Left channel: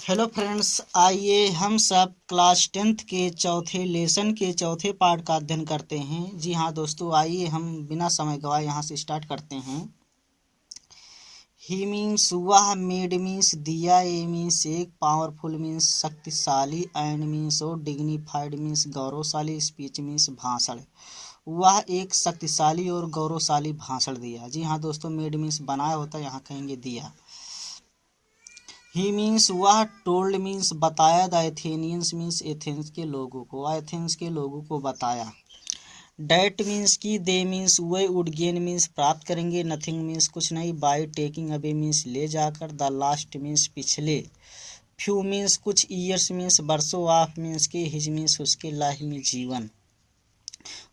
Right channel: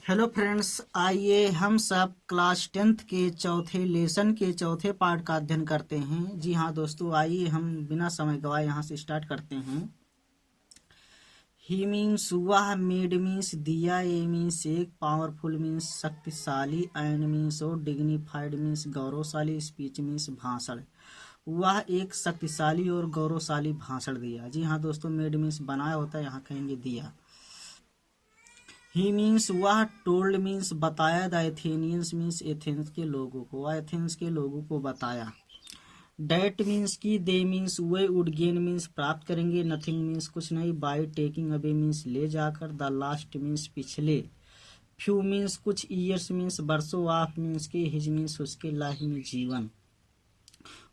Hello friends, आइए हम सब क्लास 10th के चौथे लेसन के चौथे पार्ट का अध्ययन करते हैं। जी हाँ दोस्तों, आइए हम बिना समय गवाए यहाँ से स्टार्ट करते हैं। ही मीन्स वह, मेड मीन्स दिया, ए मीन्स एक, पावरफुल मीन्स शक्तिशाली, एंड मीन्स और, डिग्निफाइड मीन्स गौरवशाली, स्पीच मीन्स भाषण। वह एक शक्तिशाली और गौरवशाली भाषण दिया। जी हाँ दोस्तों, मेड मीन्स बनाया होता है, यहाँ कहेंगे दिया। ही मीन्स वह, टोल्ड मीन्स बताया, द एथेनियंस मीन्स एथेंस के लोगों को, एथेंस के लोगों को बताया। डैट मीन्स की, दे means way, would gain means प्राप्त करेंगे, नथिंग मीन्स कुछ नहीं, बाय टेकिंग अवे मीन्स ले जाकर, द लास्ट मीन्स पिछले, फ्यू मीन्स कुछ, ईयर्स मीन्स वर्षों, ऑफ मीन्स के, हिज मीन्स उसके, लाइफ में जीवन।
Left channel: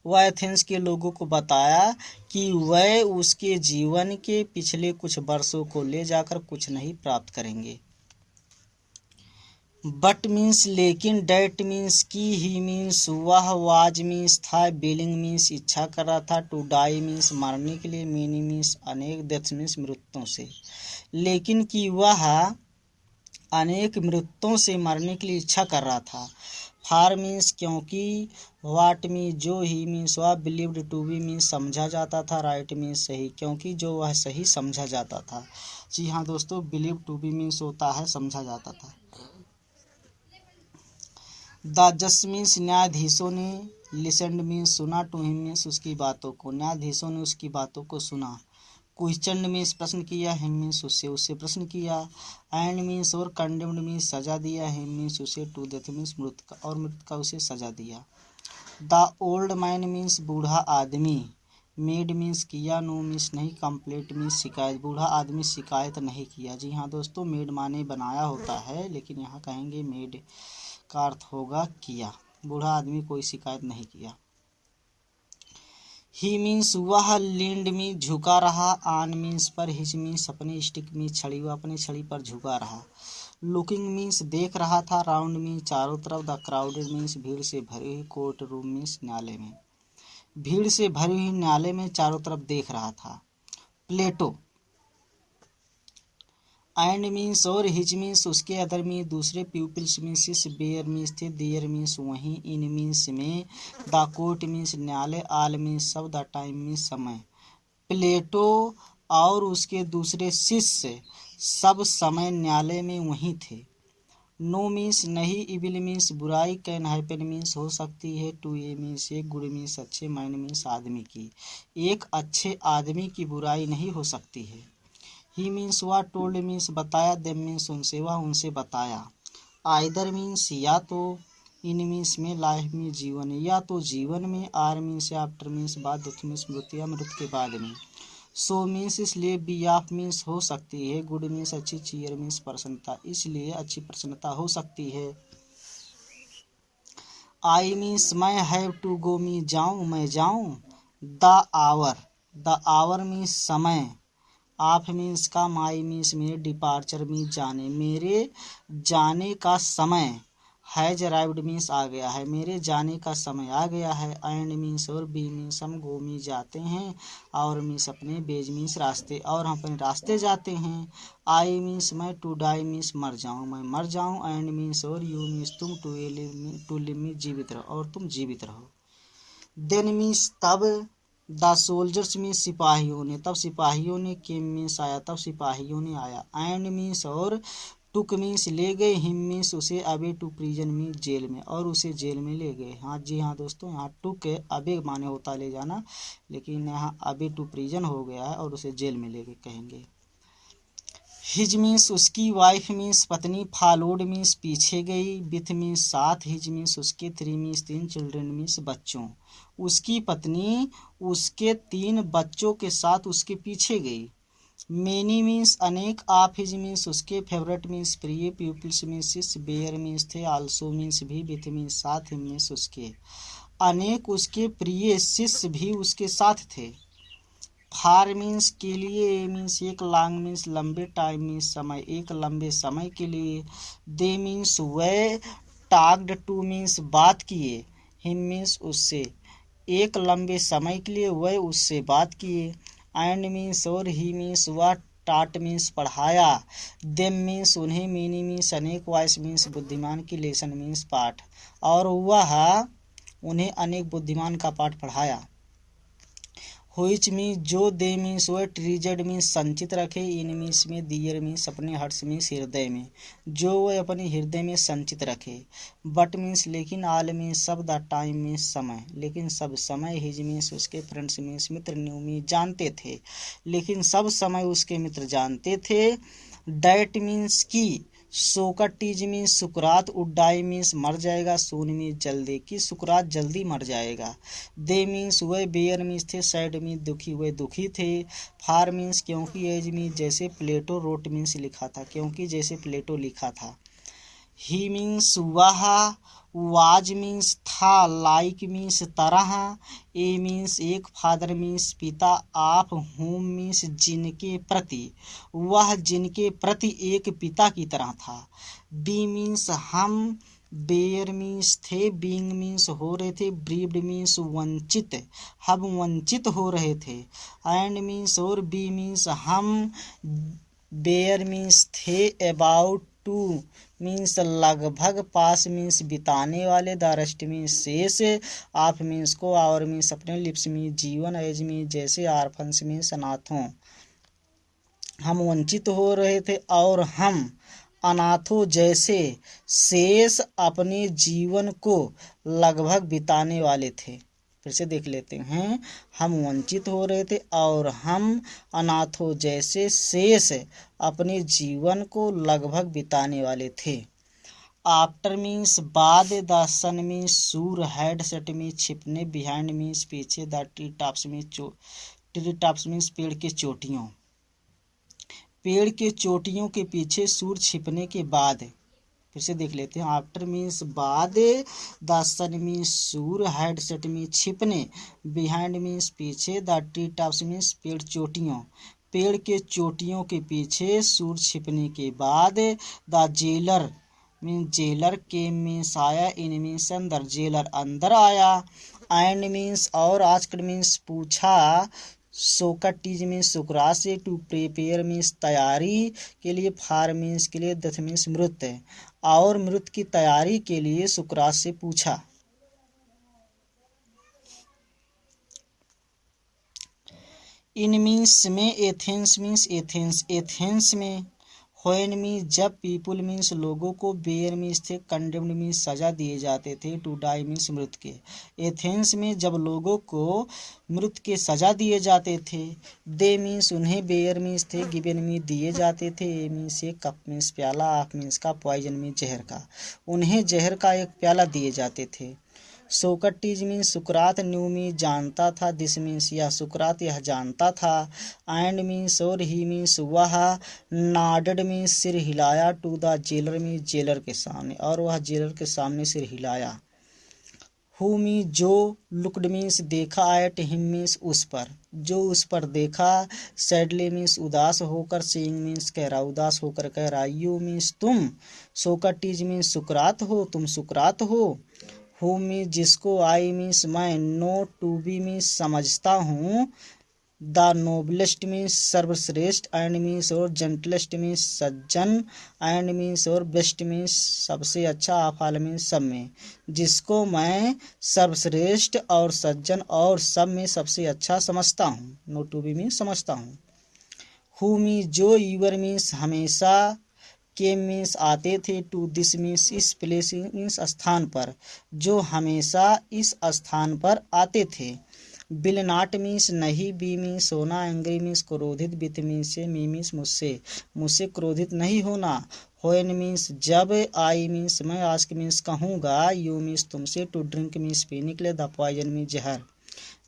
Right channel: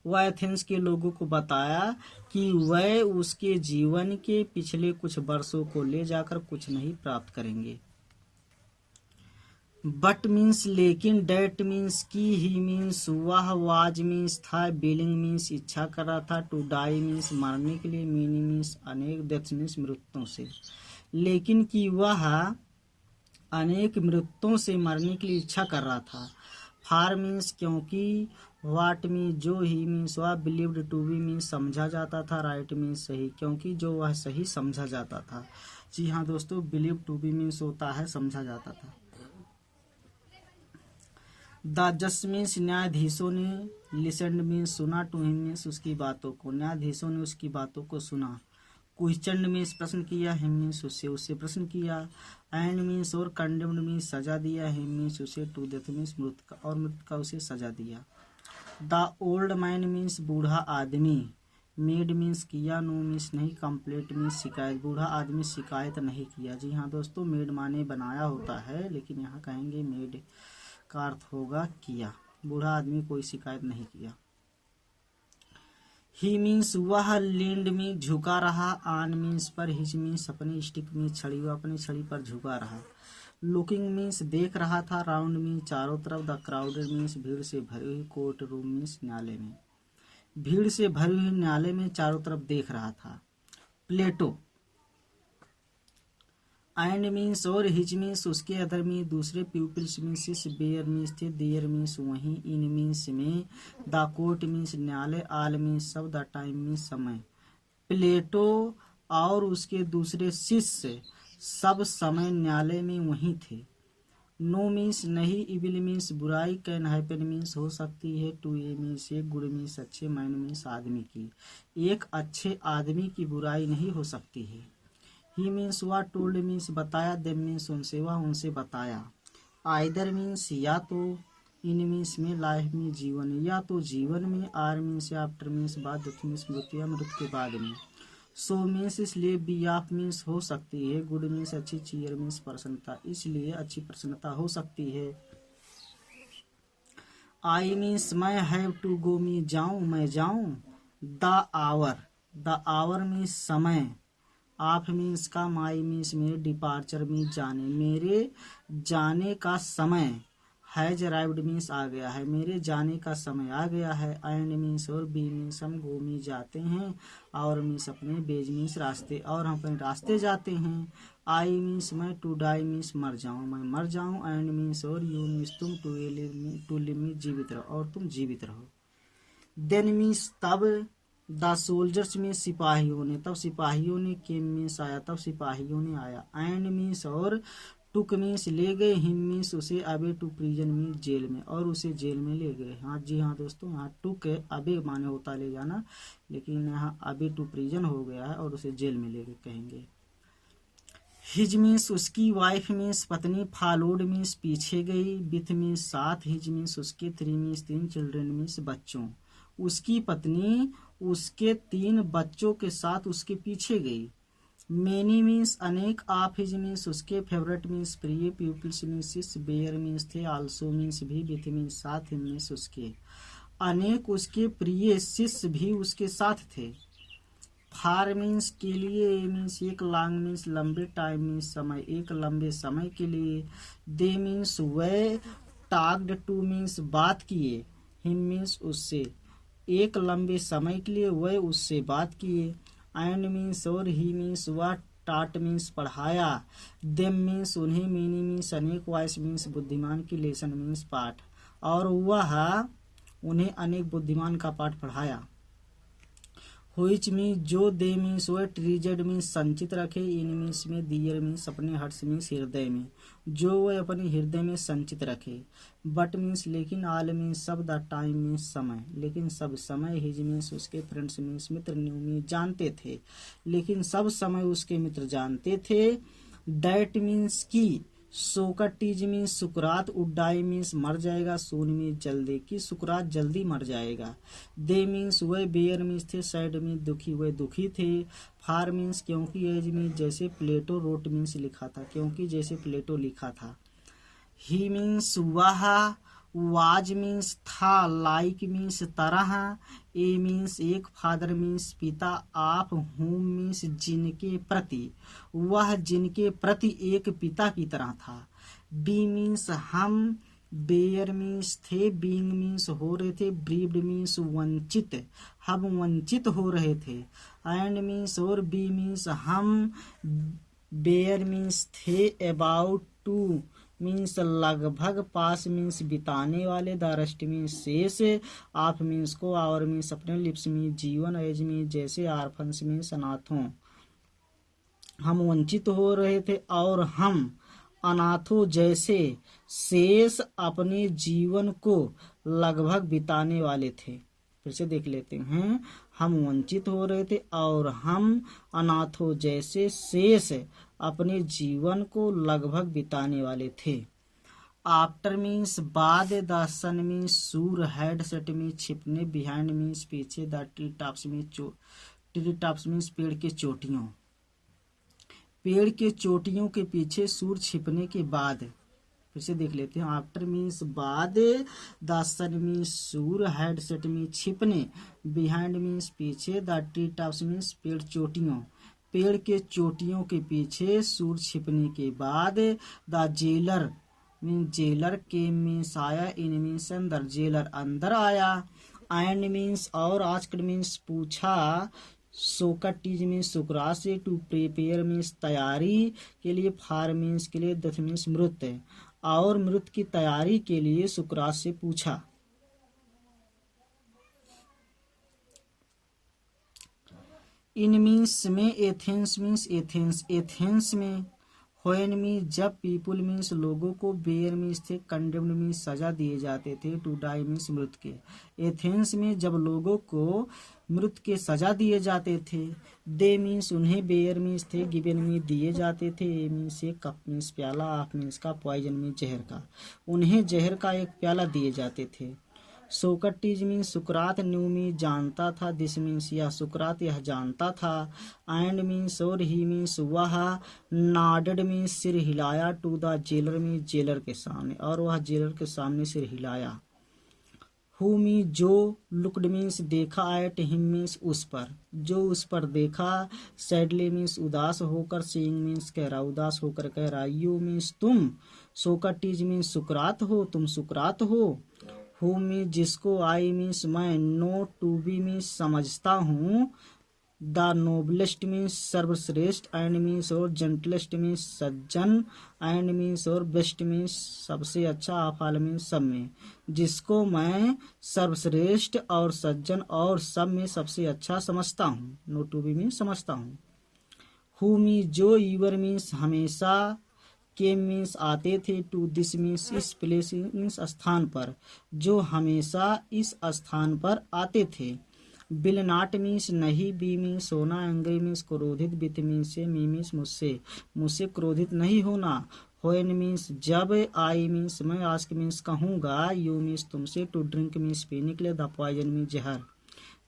वह एथेंस के लोगों को बताया कि वह उसके जीवन के पिछले कुछ वर्षों को ले जाकर कुछ नहीं प्राप्त करेंगे। बट मीन्स लेकिन, डेट मीन्स की, ही मीन्स वह, वाज मीन्स था, बिलिंग मीन्स इच्छा कर रहा था, टू डाई मीन्स मरने के लिए, मेनी मीन्स अनेक, डेथ मीन्स मृत्युओं से। लेकिन कि वह अनेक मृत्युओं से मरने के लिए इच्छा कर रहा था। फार मीन्स क्योंकि, वाट मीन्स जो, ही मीन्स वह, बिलीव्ड टू बी मीन्स समझा जाता था, राइट मीन्स सही क्योंकि जो वह सही समझा जाता था। जी हाँ दोस्तों, बिलीव टू बी मीन्स होता है समझा जाता था। द जज मीन्स न्यायाधीशों ने, लिसनड मीन्स सुना, टू हिम मीन्स उसकी बातों को, न्यायाधीशों ने उसकी बातों को सुना। क्वेश्चन मीन्स प्रश्न किया, हिम मीन्स उससे प्रश्न किया, एंड मीन्स और, कंडेम्ड मीन्स सजा दिया, हिम मीन्स उसे, टू डेथ मीन्स मृत्यु का, और मृत्यु का उसे सजा दिया। द ओल्ड मैन मीन्स बूढ़ा आदमी, मेड मीन्स किया, नो मीन्स नहीं, कंप्लेंट मीन्स शिकायत, बूढ़ा आदमी शिकायत नहीं किया। जी हाँ दोस्तों, मेड माने बनाया होता है, लेकिन यहाँ कहेंगे मेड का अर्थ होगा किया। बूढ़ा आदमी कोई शिकायत नहीं किया। ही मीन्स वह, लींड में झुका रहा, आन मीन्स पर, हिज मीन्स अपने, स्टिक मीन्स छड़ी, वह अपनी छड़ी पर झुका रहा। लुकिंग मीन्स देख रहा था, राउंड मीन्स चारों तरफ, द क्राउडेड मीन्स भीड़ से भरी हुई, कोर्ट रूम मीन्स न्यायालय में, भीड़ से भरी हुई न्यायालय में चारों तरफ देख रहा था। प्लेटो, एंड मीन्स और, हिज मीन्स उसके, अदर मीन्स दूसरे, प्यूपिल्स मीन्स बेयर मीन्स थे, देयर मीन्स वहीं, इन मीन्स में, द कोर्ट मीन्स न्यायालय, आल मीन्स सब, द टाइम मीन्स समय। प्लेटो और उसके दूसरे शिष्य सब समय न्यायालय में वहीं थे। नो मीन्स नहीं, इविल मीन्स बुराई, कैन हैपन मीन्स हो सकती है, टू ए मीन्स एक, गुड मीन्स अच्छे, मैन मीन्स आदमी की, एक अच्छे आदमी की बुराई नहीं हो सकती है। ही मीन्स वह, टोल्ड मीन्स बताया, देम मीन्स उनसे, वह उनसे बताया। आइदर मीन्स या तो, इन मीन्स में, लाइफ में जीवन, या तो जीवन में, आर मीन्स आफ्टर मीन्स बाद, डेथ मीन्स मृत्यु या मृत्यु के बाद में। सो मीन्स इसलिए, बी ऑफ मीन्स हो सकती है, गुड मीन्स अच्छी, चीयर मीन्स प्रसन्नता, इसलिए अच्छी प्रसन्नता हो सकती है। आई मीन्स मैं, हैव टू गो मीन्स जाऊँ, मैं जाऊँ। द आवर मीन्स समय, ऑफ मीन्स का, माई मीन्स मेरे, डिपार्चर मीन्स जाने, मेरे जाने का समय, हैज अराइव्ड मीन्स आ गया है, मेरे जाने का समय आ गया है। एंड मीन्स और, बी मीन्स हम, गो मीन्स जाते हैं, और मीन्स अपने, बेज मीन्स रास्ते, और हम अपने रास्ते जाते हैं। आई मीन्स मैं, टू डाई मीन्स मर जाऊँ, मैं मर जाऊँ। एंड मीन्स और, यू मीन्स तुम, टू लिव मीन्स जीवित रहो, और तुम जीवित रहो। देन मीन्स तब, द सोल्जर्स में सिपाहियों ने, तब सिपाहियों ने, केम मीन्स आया, तब सिपाहियों ने आया। एंड मीन्स और, टुक मीन्स ले गए, हिम मीन्स उसे, अबे टू प्रिजन मीन्स जेल में, और उसे जेल में ले गए। हाँ जी हाँ दोस्तों, यहाँ टुक अबे माने होता ले जाना, लेकिन यहाँ अबे टू प्रिजन हो गया है, और उसे जेल में ले गए कहेंगे। हिज मीन्स उसकी, वाइफ मीन्स पत्नी, फॉलोड मीन्स पीछे गई, विथ मीन्स साथ, हिज मीन्स उसके, थ्री मीन्स तीन, चिल्ड्रन मीन्स बच्चों, उसकी पत्नी उसके 3 बच्चों के साथ उसके पीछे गई। मेनी मीन्स अनेक, ऑफ हिज मीन्स उसके, फेवरेट मीन्स प्रिय, प्यूपिल्स मीन्स शिष्य, बेयर मीन्स थे, आल्सो मीन्स भी, विथ मीन्स साथ, हिम मीन्स उसके, अनेक उसके प्रिय शिष्य भी उसके साथ थे। फार मीन्स के लिए, मीन्स एक, लॉन्ग मीन्स लंबे, टाइम मीन्स समय, एक लंबे समय के लिए। दे मीन्स वे, टॉक्ड टू मीन्स बात किए, हिम मीन्स उससे, एक लंबे समय के लिए वह उससे बात किए। एंड मीन्स और, ही मीन्स वह, टाट मीन्स पढ़ाया, देम मीन्स उन्हें, मीनी मीन्स अनेक, वाइस मीन्स बुद्धिमान की, लेसन मीन्स पाठ, और वह उन्हें अनेक बुद्धिमान का पाठ पढ़ाया। व्हिच मीन्स जो, दे मीन्स वह, ट्रीजेड मीन्स संचित रखे, इन मीन्स में, दियर मीन्स अपने, हर्ष मीन्स हृदय में, जो वह अपने हृदय में संचित रखे। बट मीन्स लेकिन, आल मीन्स सब, द टाइम मीन्स समय, लेकिन सब समय, हिज मीन्स उसके, फ्रेंड्स मीन्स मित्र, न्यू मीन्स जानते थे, लेकिन सब समय उसके मित्र जानते थे। डैट मीन्स की, Socrates means Sukrat, would die means मर जाएगा, सून मीन्स जल्दी, कि सुकरात जल्दी मर जाएगा। दे मीन्स वह, बेयर मीन्स थे, सैड मीन्स दुखी, वह दुखी थे। फार मीन्स क्योंकि, एज मीन्स जैसे, प्लेटो रोट मीन्स लिखा था, क्योंकि जैसे प्लेटो लिखा था। ही मीन्स वह, वाज मीन्स था, लाइक मीन्स तरह, ए मीन्स एक, फादर मीन्स पिता, आप होम मीन्स जिनके प्रति, वह जिनके प्रति एक पिता की तरह था। बी मीन्स हम, बेयर मीन्स थे, बीइंग मीन्स हो रहे थे, ब्रीव्ड मीन्स वंचित, हम वंचित हो रहे थे। एंड मीन्स और, बी मीन्स हम, बेयर मीन्स थे, अबाउट टू मीन्स लगभग, पास मीन्स बिताने वाले, द रेस्ट मीन्स शेष, ऑफ मीन्स को, और मीन्स अपने, लिप्स मीन्स जीवन, एज मीन्स जैसे, आर्फन्स मीन्स अनाथों। हम वंचित हो रहे थे और हम अनाथों जैसे, शेष अपने जीवन को लगभग बिताने वाले थे। फिर से देख लेते हैं, हम वंचित हो रहे थे और हम अनाथों जैसे, शेष अपने जीवन को लगभग बिताने वाले थे। आफ्टर मीन्स बाद, द सन मीन्स सूर, हैड सेट मीन्स छिपने, बिहाइंड मीन्स पीछे, the tree tops means tree tops means पेड़ के चोटियों, पेड़ के चोटियों के पीछे, सूर छिपने के बाद। फिर से देख लेते हैं, आफ्टर मीन्स बाद, द सन मीन्स सूर, हैड सेट मीन्स छिपने, बिहाइंड मीन्स पीछे, द ट्री टॉप्स मीन्स पेड़ चोटियों, पेड़ के चोटियों के पीछे, सूर छिपने के बाद। द जेलर मीन्स जेलर, के मीन्स आया, इन मीन्स अंदर, जेलर अंदर आया। एंड मीन्स और, आस्क्ड मीन्स पूछा, सोक्रेटिस मीन्स सुकरात से, टू प्रिपेयर मीन्स तैयारी के लिए, फार मीन्स के लिए, डेथ मीन्स मृत्यु, और मृत्यु की तैयारी के लिए सुकरात से पूछा। इन मीन्स में, एथेंस मीन्स एथेंस, एथेंस में। व्हेन मीन्स जब, पीपुल मीन्स लोगों को, बेयर मीन्स थे, कंडेम्ड मीन्स सजा दिए जाते थे, टू डाई मीन्स मृत्यु के। एथेंस में जब लोगों को मृत्यु के सजा दिए जाते थे। दे मीन्स उन्हें, बेयर मीन्स थे, गिवन मीन्स दिए जाते थे, ए मीन्स एक, कप मीन्स प्याला, ऑफ मीन्स का, पॉइजन मीन्स जहर का, उन्हें जहर का एक प्याला दिए जाते थे। सोक्रेटिस मीन्स सुकरात, न्यू मीन्स जानता था, दिस मीन्स यह, सुकरात यह जानता था। एंड मीन्स और, ही मीन्स वह, नॉडेड मीन्स सिर हिलाया, to the jailer means jailer के सामने, और वह जेलर के सामने सिर हिलाया। हु मीन्स जो, लुक्ड मीन्स देखा, एट हिम मीन्स उस पर, जो उस पर देखा। सैडली मीन्स उदास होकर, सीइंग मीन्स कह रहा, उदास होकर कह रहा। यू मीन्स तुम, सोक्रेटिस मीन्स सुकरात हो, तुम सुकरात हो। हु मीन्स जिसको, आई मीन्स मैं, नो टू बी मीन्स समझता हूँ, द नोबलेस्ट मीन्स सर्वश्रेष्ठ, एंड मीन्स और, gentlest means Sajjan, and means और, बेस्ट मीन्स सबसे अच्छा, ऑफ ऑल मीन्स सब में, जिसको मैं सर्वश्रेष्ठ और सज्जन और सब में सबसे अच्छा समझता हूँ। नो टू बी मीन्स समझता हूँ। हु मीन्स जो, यूर मीन्स हमेशा, के मीन्स आते थे, टू दिस मीन्स इस, प्लेस मीन्स स्थान पर, जो हमेशा इस स्थान पर आते थे। विल नॉट मीन्स नहीं, बी मीन्स होना, एंग्री मीन्स क्रोधित, विथ मीन्स से, मी मीन्स मुझसे, मुझसे क्रोधित नहीं होना। व्हेन मीन्स जब, आई मीन्स मैं, आस्क मीन्स कहूँगा, यू मीन्स तुमसे, टू ड्रिंक मीन्स पीने के लिए, द पॉइजन मीन्स जहर,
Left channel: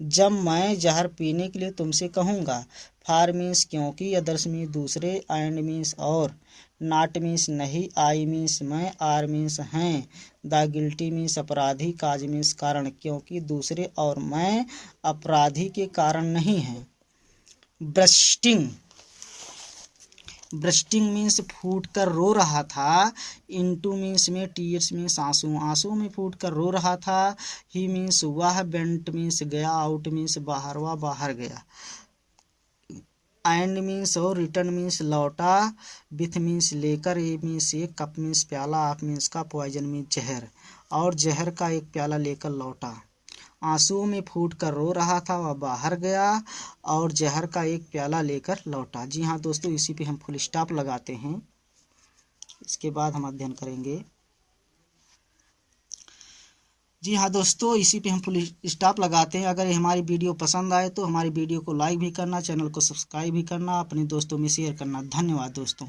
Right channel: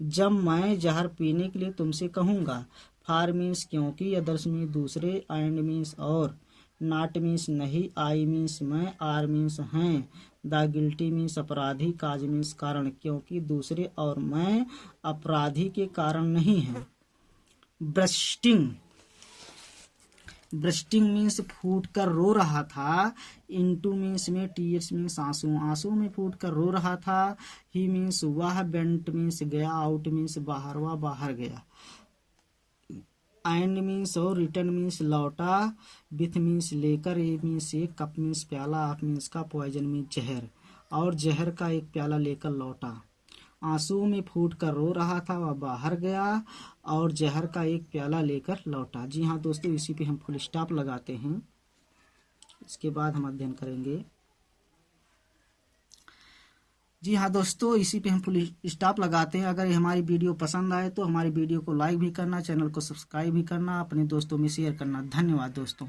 जब मैं जहर पीने के लिए तुमसे कहूँगा। फार मीन्स क्योंकि, अदर्स मीन्स दूसरे, एंड मीन्स और, नॉट मीन्स नहीं, आई मीन्स मैं, आर मीन्स हैं, द गिल्टी मीन्स अपराधी, काज मीन्स कारण, क्योंकि दूसरे और मैं अपराधी के कारण नहीं हैं। ब्रस्टिंग, ब्रस्टिंग मीन्स फूट कर रो रहा था। इनटू मीन्स में, टीयर्स मीन्स आंसू, आंसू में फूट कर रो रहा था। ही मीन्स वह, बेंट मीन्स गया, आउट मीन्स बाहर, वह बाहर गया। एंड मीन्स और, रिटर्न मीन्स लौटा, विथ मीन्स लेकर, ए मीन्स एक, कप मीन्स प्याला, आप मीन्स का, पॉइजन मीन्स जहर, और जहर का एक प्याला लेकर लौटा। आंसुओं में फूट कर रो रहा था, वह बाहर गया और जहर का एक प्याला लेकर लौटा। जी हाँ दोस्तों, इसी पे हम फुल स्टॉप लगाते हैं। इसके बाद हम अध्ययन करेंगे। जी हाँ दोस्तों, इसी पे हम फुल स्टॉप लगाते हैं। अगर हमारी वीडियो पसंद आए तो हमारी वीडियो को लाइक भी करना, चैनल को सब्सक्राइब भी करना, अपने दोस्तों में शेयर करना। धन्यवाद दोस्तों।